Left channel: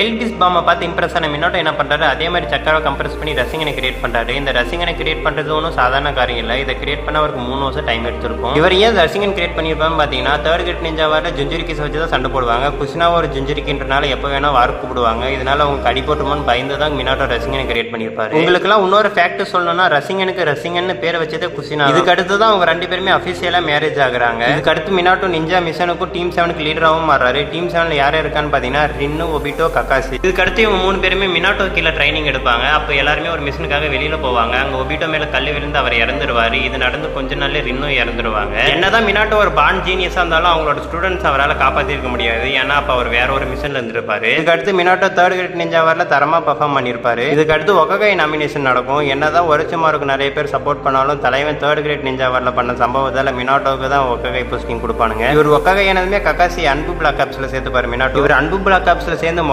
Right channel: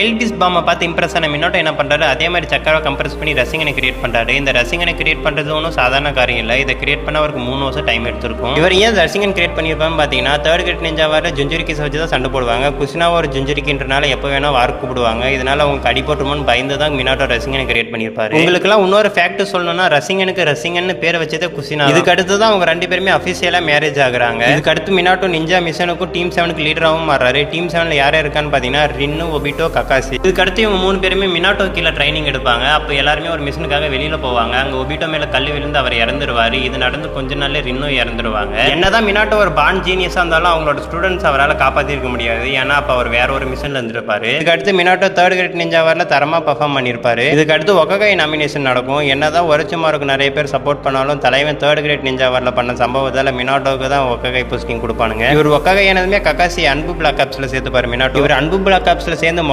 டெல்டிஸ் பாம்பை பார்த்து இம்ப்ரெஸ் ஆன மினாட்டோ என்ன பண்றாரு, அதே மாதிரி சக்கரை கம்ப்ரஸ் பண்ணி ரசிகனை கிரியேட் பண்றாரு. இந்த ரசிகனை கிரியேட் பண்றது ஒன்றும் சாதாரண காரியம் இல்லை. இதை கிரியேட் பண்ண அவருக்கு 3 வருஷம் டைம் எடுத்திருக்கும். இவர் ஏன் ரசிகன் கிரியேட் பண்ணியிருப்பான்னு பார்த்தீங்கன்னா, தேர்ட் கிரேட் நிஞ்சா வாரில் ஜுஞ்சுரிக்கிஸ் வச்சு தான் சண்டை போடுவாங்க. குசினாவை ஒரு ஜுஞ்சுரிக்கின்றனால எப்போ வேணா வாருக்கு கூப்பிடுவாங்க. இதனால அவங்க அடிபட்டுமோன்னு பயந்து தான் மினாட்டோ ரசிகனை கிரியேட் பண்ணியிருப்பாரு. உங்களுக்குலாம் இன்னொரு ஃபேக்ட் சொல்லணும்னா, ரசிகன் பேர் வச்சதே குசினா. இதுக்கு அடுத்து தான் அவங்க 2 பேருமே அஃபிஷியலா மேரேஜ் ஆகுறாங்க. இதுக்கு அடுத்து மினாட்டோ நிஞ்சா மிஷனுக்கும் டீம் 7க்கு லீடராகவும் மாறாரு. டீம் 7ல யார் இருக்கான்னு பார்த்தீங்கன்னா ரின்னு, ஒபிட்டோ, கக்காசி. இதுக்கு அடுத்து இவங்க 3 பேருமே மினாட்டோ கீழே ட்ரைனிங் எடுப்பாங்க. அப்போ எல்லாருமே ஒரு மிஷனுக்காக வெளியில போவாங்க. அங்க ஒபிட்டோ மேல கல் விழுந்து அவர் இறந்துருவாரு. இது நடந்து கொஞ்ச நாள்ல ரின்னும் இறந்துருவாங்க. என்னதான் மினாட்டோ ஒரு பான் ஜீனியஸா இருந்தாலும் அவங்களோட ஸ்டூடெண்ட்ஸ் அவரால் காப்பாற்றிருக்க முடியாது. ஏன்னா அப்ப அவர் வேற ஒரு மிஷன்ல இருந்திருப்பாரு. இதுக்கு அடுத்து மினாட்டோ தேர்ட் கிரேட் நிஞ்சா வாரில் தரமா பர்ஃபார்ம் பண்ணியிருப்பாரு. இதுக்கு அடுத்து ஒககை நாமினேஷன் நடக்கும். என்னதான் ஒரச்சுமாருக்கு நிறைய பேர் சப்போர்ட் பண்ணாலும் தலைவன் தேர்ட் கிரேட் நிஞ்சா வாரில் பண்ண சம்பவத்தால மினாட்டோவுக்கு தான் ஒககை போஸ்டிங் கொடுப்பானுங்க. இவர் ஒககை ஆனதுமே கக்காசி அன்பு பிளாக் ஆப்ஸ்ல சேர்த்துப்பாரு மினாட்டோ. இவர் அன்பு பிளாக் ஆப்ஸ்ல சேர்ந்து